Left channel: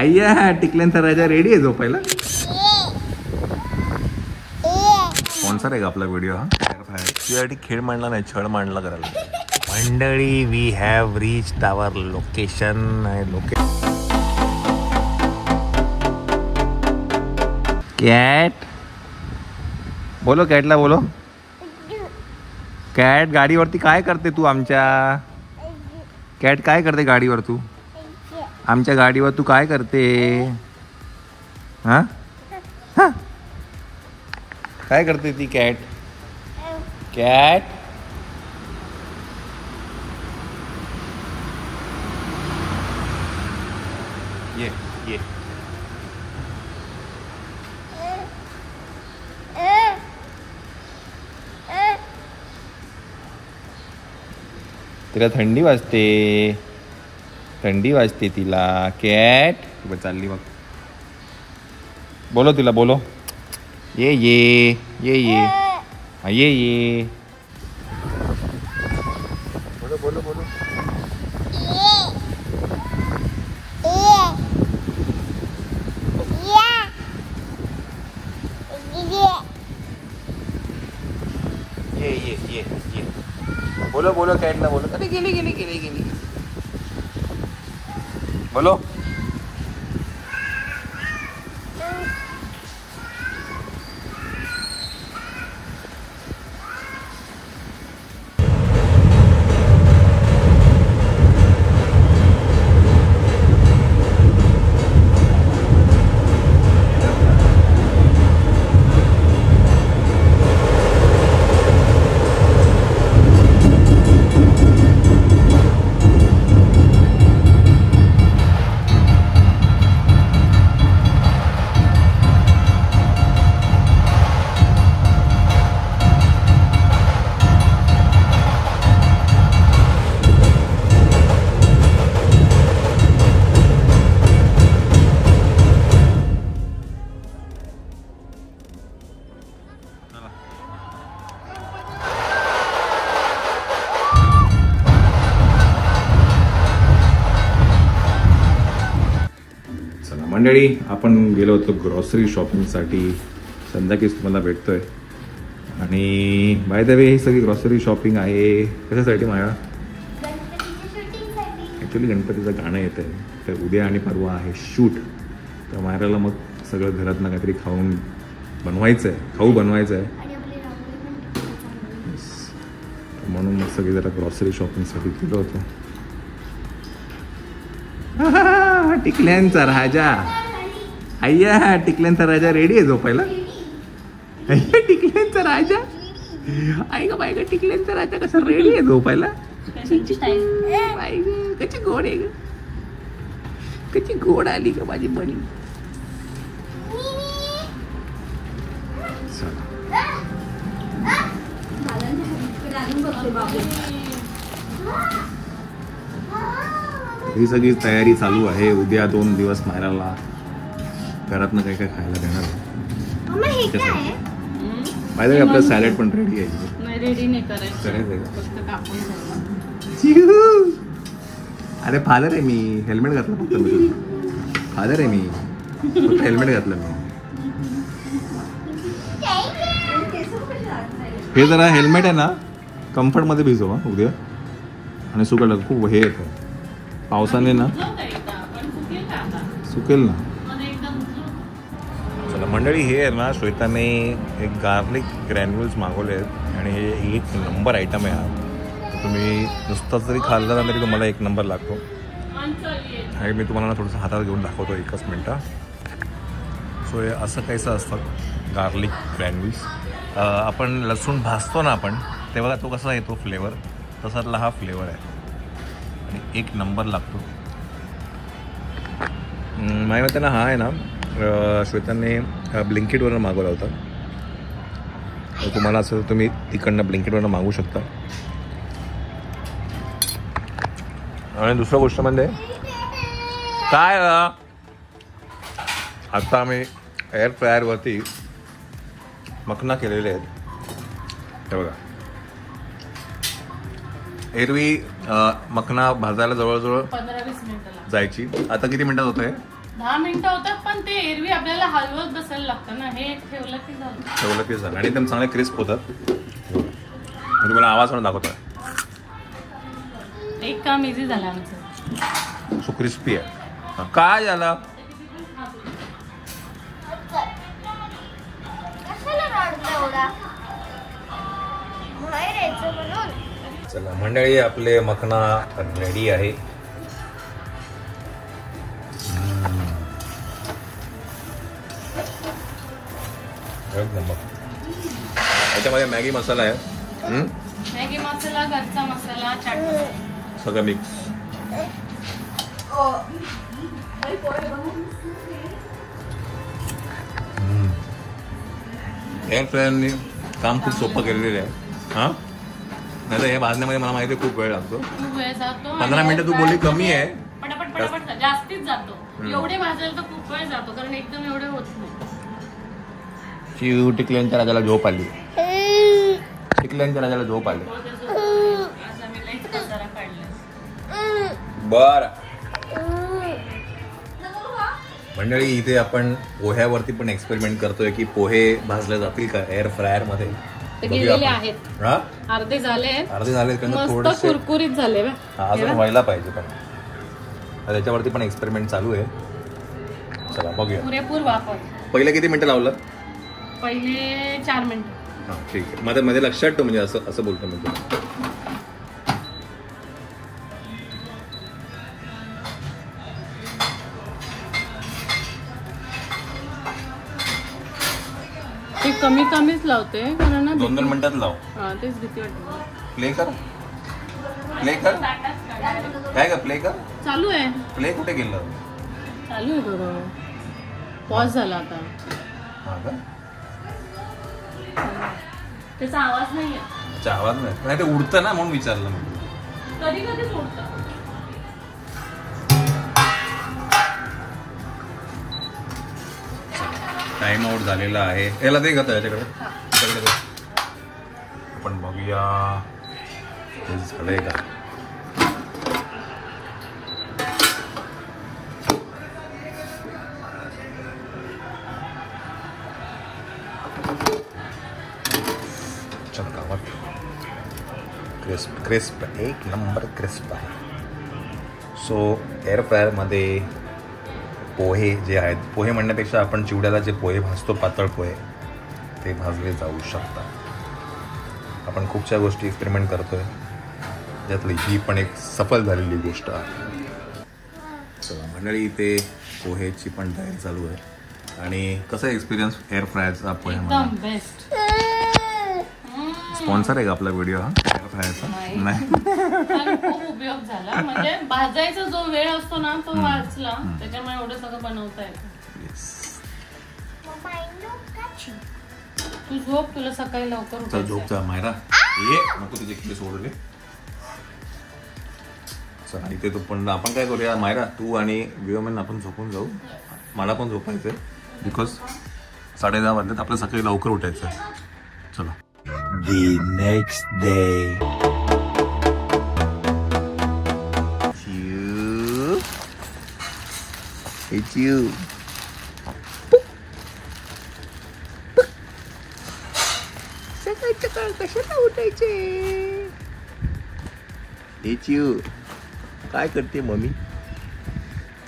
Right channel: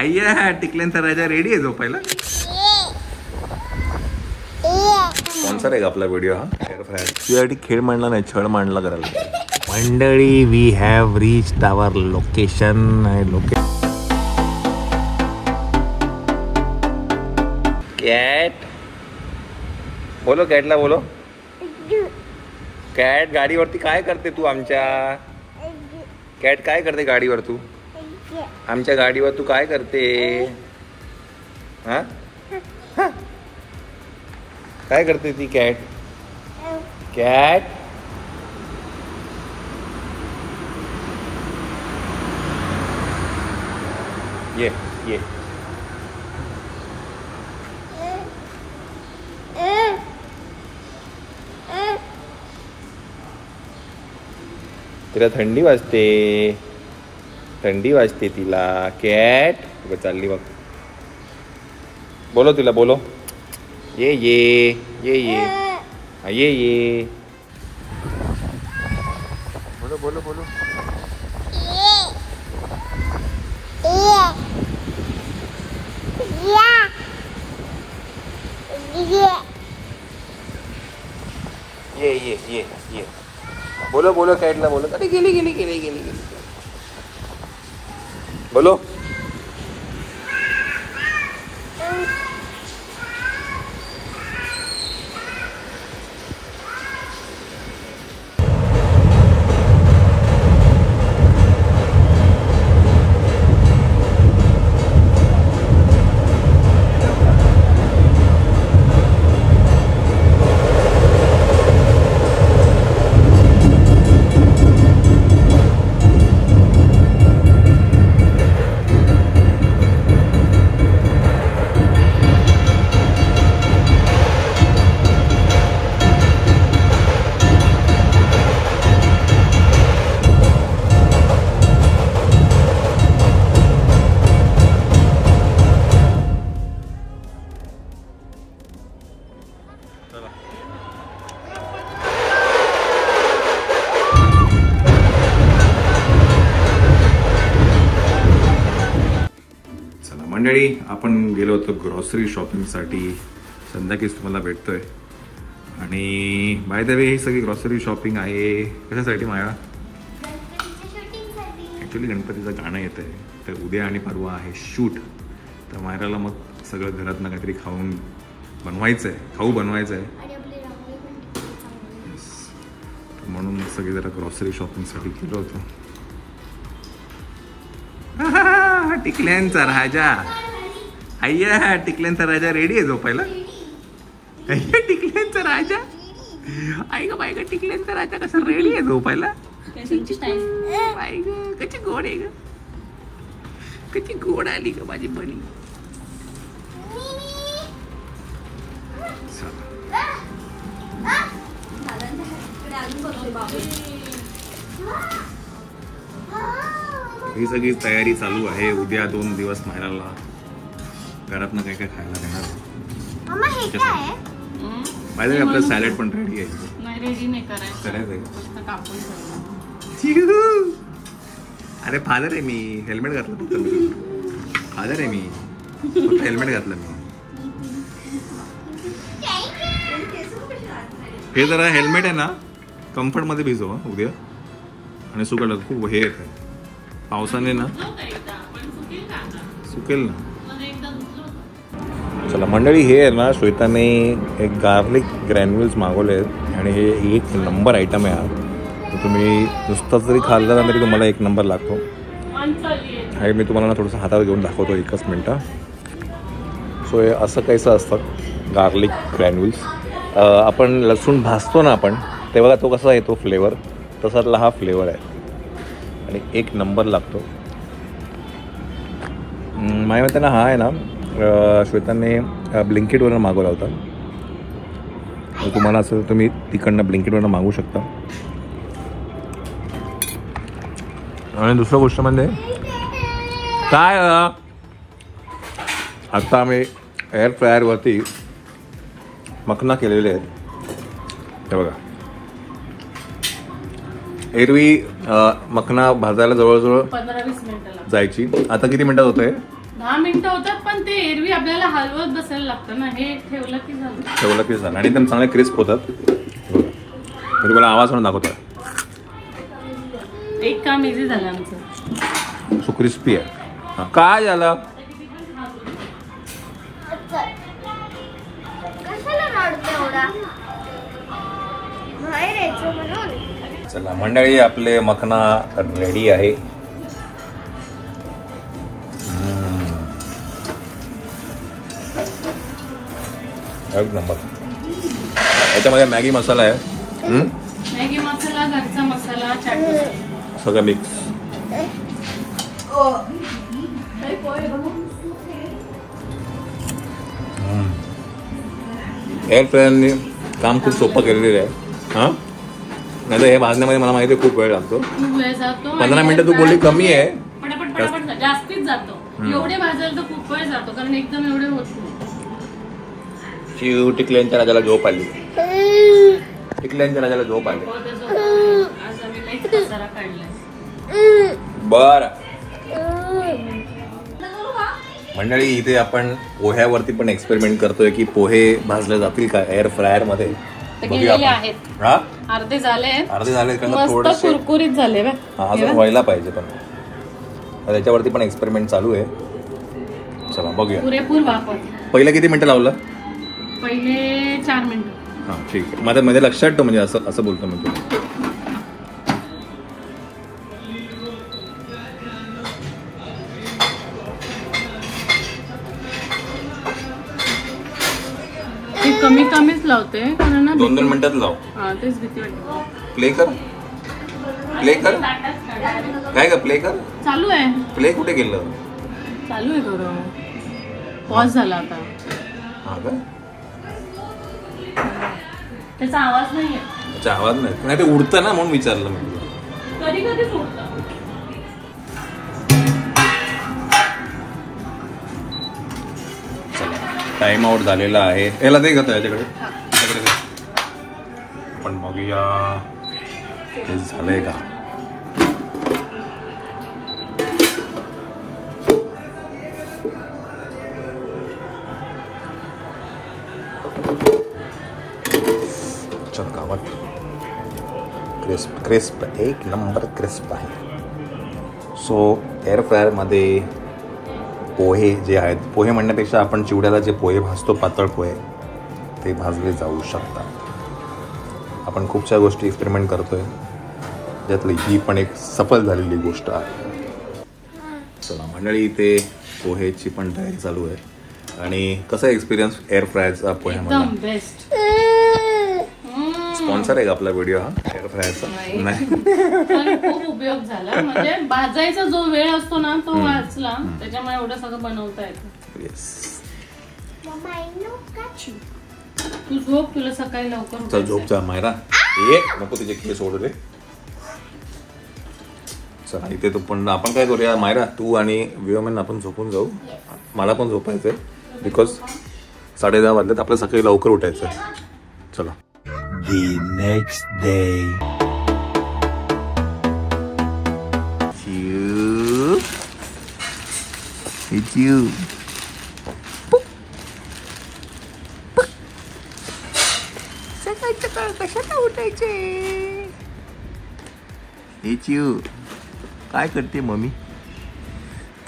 अय्या टिकल्यांचा राजा रेडी आहे झोपायला. स्पॉन्सर आहे का आपला व्हिडिओ हा? तुझ्यासाठी खेळ मांडला नाही, छळ मांडला करायला. मंडळी, we have reached our location. Cat बोलो, कॅटला बोलो. कॅट गाडीवरती काय करते तू आमच्या? कॅट काय करते गाडीवर? तू आमच्या गाडीवर तू काय करते? हा, काय करते ती कॅट? कॅट ये ये. तिला थंडी वाजते, थंडी वाजते तिला. कॅट चालली बघ. बोलो तिला, बोलो. ये ये ये ये ये ये. बोलो बोलो बोलो. ये ये ये ये. बोलो बोलो कॅटला बोलो. अरे गेली गेली गेली गेली गेली. बोलो. मंडळी, आपण गेलो होतो ग्रॉसरी शॉपिंगसाठी. संध्याकाळीच तुम्हाला भेटतोय. आणि बाय द वे ही सगळी ग्रॉसरी शॉपिंग आहे कशासाठी माया? ॲक्च्युली गणपतीचं गाणं येतं आहे, तर उद्या आणि परवा आहे शूट. तर मायराला मग सगळं घरातनं काहीतरी खाऊ बनवायचं आहे. म्हणून मग सगळी जरा ग्रॉसरी शॉपिंगसाठी गेलो होतो. टिकल्यांचा राजा. अय्या टिकल्यांचा राजा रेडी आहे झोपायला. अय्या टिकल्यांचा राजा. आई ग बाय ग, टिकल्यांचा राजा कसा रेडी आहे झोपायला. कशी गोड आहे ग, कशी गोड आली ग माझी बनी. ही सगळी तयारी चालू आहे. उद्या 2 दिवस मायराला घरातनं काय काय खायला देणार आहे. माहिती आहे आपलं सॅलड पण रेडी आहे. करायचं. अरे फादर आहे मी, हेल्मेट घातलं फक्त मी. फादर आहे मी, फक्त हेल्मेट घातलं मी. हे जरा हेल्मेट आहे ना कम्फर्टमध्ये भिजव उद्या. आणि सुकलं खूप हे येत आहे पावसाने ना, सुकेल ना. चला मंडळी, हे आहे ना श्वेताने एक गार्लिक ग्रॅन्युल्स मागवले आहेत आणि हे 1 नंबर आयटम आहे. हा तुम्ही नुसतं जरी खाल्लं ना तरी तुम्हाला 1 नंबर लागतो. हे मी तुम्हाला ना थोडंसं हातात घेऊन दाखवतो 1 मिनटं. सो हे असं काहीसं असतं गार्लिक ग्रॅन्युल्स. आपण लसूण भाजतो ना आपण, तेव्हा तो कसा येतो फ्लेवर, तसातला हा फ्लेवर आहे आणि 1 नंबर लागतो. माझ्या मते ना हा आहे ना श्वेताने ब्लिंकिटवरून मागवला होता. तुम्हाला असं तुम्ही तिकडनं ब्लिंकिटवरून मागवू शकता. आणि दुसरा गोष्ट म्हणजे काय, आता आम्ही एअर फ्रायरवरती मखना केलेले आहेत. हे बघा, एरवी मखना भाजायला जवळजवळ 15-20 मिनिटं जायची. आता किती मिनिटात होत आहे? 10 मिनिटं होतात, पण ते एरवी आपल्याला हलवत बसायला लागतं ना, हे ठेवलं की झालं. आणि एकदम चांगले क्रिस्प होतात. मी तुम्हाला आवाज म्हणून दाखवतो. एक काम इझी झालं आमचं. सो क्रिस्पी आहे. काय झालं? चला मंडळी, आपले मखना रेडी आहे. याच्यामध्ये मॅगी मसाला आहे. मॅगी मसाला, घरचा मसाला, चाट मसाला, सगळं मिक्स. एअर फ्रायरने काम खूप सोपं केलेलं आहे. हा, नाही तर हे भाजण्यामध्ये मला माहिती आहे खूप वेळ लागतो. खूप वेळ जातो. 15 मिनिटं तू बोलली कमी आहे. पटापट पटापट जास्तीच जातो. एवढे भाजायला तर खूप वेळ जातो, कारण एकदम एवढे होत नाही. टिकल्यांच्या राजाला झोप आली. टिकल्यांच्या राजाला झोप आली. आज आम्ही लई पसारा काढलाय. बर मंडळी, इथे आपण पोह्यावरती पण एक्सपेरिमेंट करतोय की पोहे भाजले जातील का एअर फ्रायर मध्ये. बघूया आपण. हा, अर्धे झाले कारण थोडं कुरकुरीत झाले. अजून व्हायला पाहिजे, पण त्याच्यावरती पण एक्सपेरिमेंट चालू आहे. चला बघूया. पुरेपूर वापर. पहिले किती मिनिटं लावलं? पहिले 4 मिनिटं. हा ठीक आहे. माझ्या मध्ये लक्षात ठेव, म्हणजे असं बोलतो मी. कमीच लावते. 2 मिनिटात लाव. प्ले कर. काय का प्ले कर? चालू आहे. प्ले कुठे गेलं? चालू आहे थोडं. पॉज झाला आता. हा का? त्याचा आवाज नाही. त्याचा आवाज नाही ते उडतं ना, म्हणून विचारलं मी. कधी कधीच उडतं. टाइम आउट झालेला आहे. याला दे घेतो याच्याकडे. आपण बघूया ते झालंय का. चल गावात क्रिस्प एक नंबर क्रिस्प आहे. सो एअर फ्रायर मध्ये पोहे जे आहेत, पोहे म्हणण्यापेक्षा आपण चिवड्याला जे पोहे भाजतो, पातळ पोहे, ते भाजले जाऊ शकतात. आपण खूपशा गोष्टी एक्सपेरिमेंट करतोय, त्यातली ही पण एक सफल झालेली गोष्ट आहे. चला मंडळी, इथे पोहेची पण तयारी चालू आहे. आणि कसा एक्सपिरियन्स एअर फ्रायरचा पोह्यामध्ये? बेस्ट. स्पॉन्सर आहे का आपला व्हिडिओ हा एअर फ्रायरचा? नाही, खूप उपयोग झाला. म्हणजे भाजायचा जो वेळ असतो ना, तो वाचला. त्याच्यामुळे एवढं सगळं बनवता येतं. तू झोप, तुला सकाळी लवकर. चल झोप जा मायरा. नको तुझे केस ओढू दे. चला इथे तू पण, आपण काय करूया मायरा, तू आणि विवमेन आपण झोपून जाऊ. मला पण झोपायचंय, बिकॉज 10:30 वाजल्यात. आपल्या सकाळी लवकर उठायचंय. चला. The next day. It's you. It's you. काय करते मम्मी?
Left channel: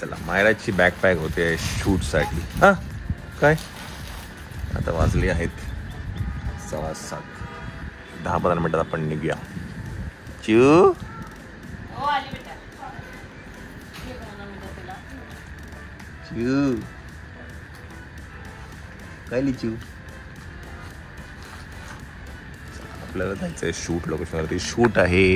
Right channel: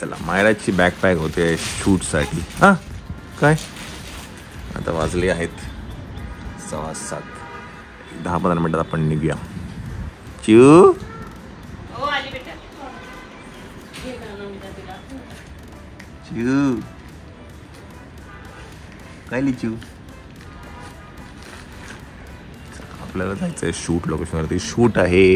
चला मायराची बॅकपॅक होते शूट साठी. हा काय आता वाजले आहेत 6:15. 10-15 मिनिटात आपण निघूया. चिऊ चिऊ काय लिचू. आपल्याला जायचंय शूट लोकेशनवरती. शूट आहे.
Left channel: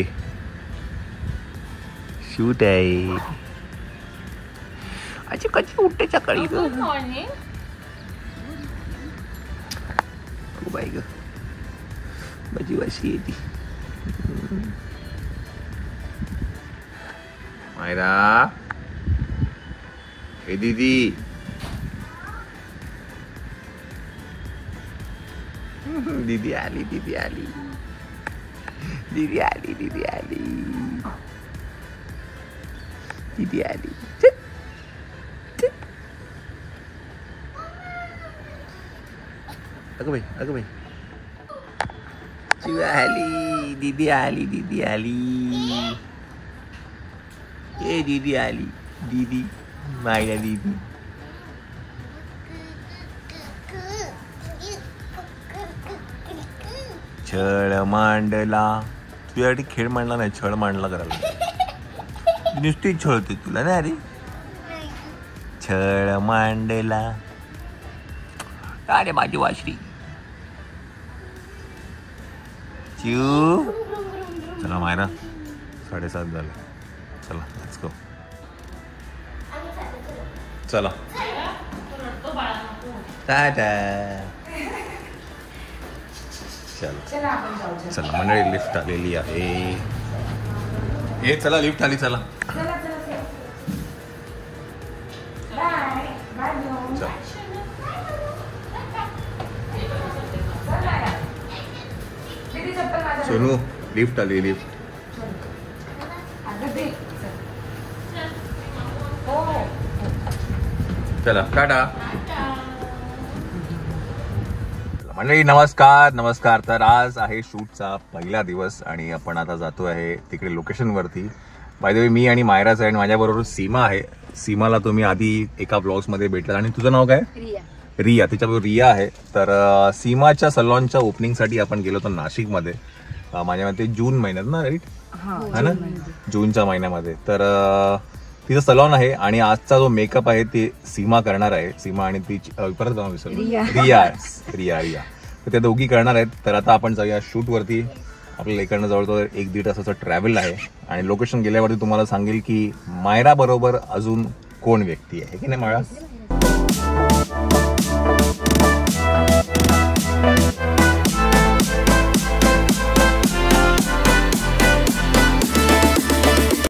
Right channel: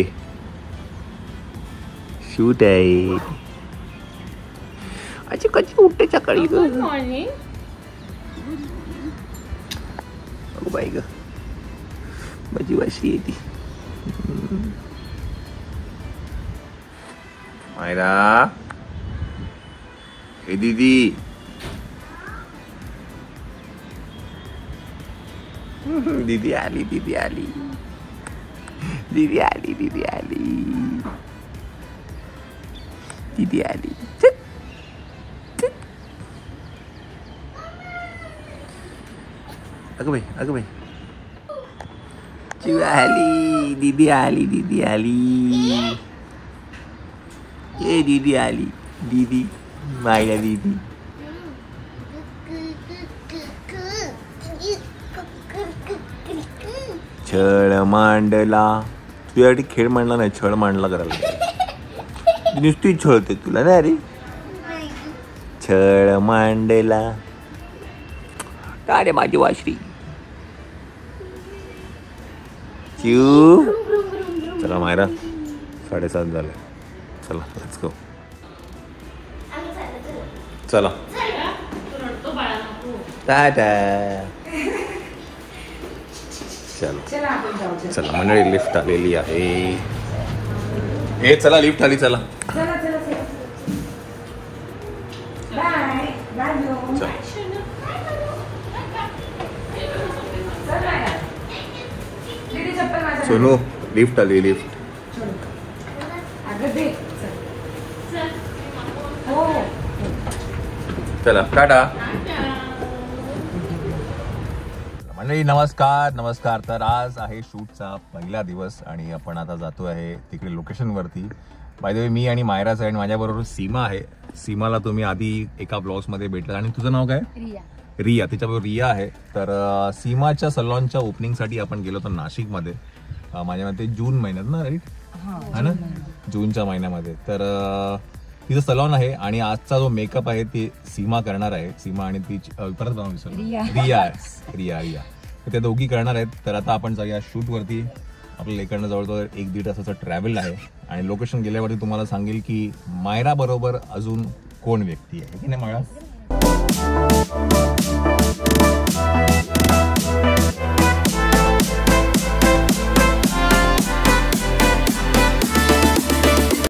अशी कशी उठते सकाळी ग. बाई ग, माझी वाशी येते. मायरा, हे दीदी. दीदी आली. अगं बाई चिव आली, दीदी आली ये दीदी आली, दीदी माया दीदी. छळ मांडला, तुझ्यासाठी खेळ मांडला नाही, छळ मांडला करायला. नुसती छळते तुला ना रे. छळ मांडला, अरे माझी वाश्री. चिव चला मायरा, 7:30 झाले. चला लेट्स गो. चला टाटा. चला मंडळी, लिफ्ट आलेली आहे. चला लिफ्ट आली. चला सोनू, लिफ्ट आली. लिफ्ट चला टाटा. मंडळी नमस्कार. तर आज आहे शूटचा पहिला दिवस आणि आपण आता जातो आहे तिकडे लोकेशनवरती. बाय द वे मी आणि मायराच आहे आणि माझ्याबरोबर सीमा आहे. सीमाला तुम्ही आधी एका ब्लॉग्समध्ये भेटला. आणि तुझं नाव काय? रिया. त्याच्याबरोबर रिया आहे. तर सीमाच्या सलॉनच्या ओपनिंगसाठी आपण गेलो होतो नाशिकमध्ये. माझ्या मते जून महिन्यात ना, राईट? है ना, जूनच्या महिन्यामध्ये. तर तिचं सलॉन आहे आणि आजचा जो मेकअप आहे ते सीमा करणार आहे. सीमा आणि ती परत रिया तर त्या दोघी करणार आहेत. तर आता आपण जाऊया शूटवरती. आपल्याला इकडनं जवळजवळ 1-1.5 तासाचं ट्रॅव्हल आहे आणि लोकेशन गेल्यावरती तुम्हाला सांगेल की मायरा बरोबर अजून कोण व्यक्ती आहे की नाही मायरा.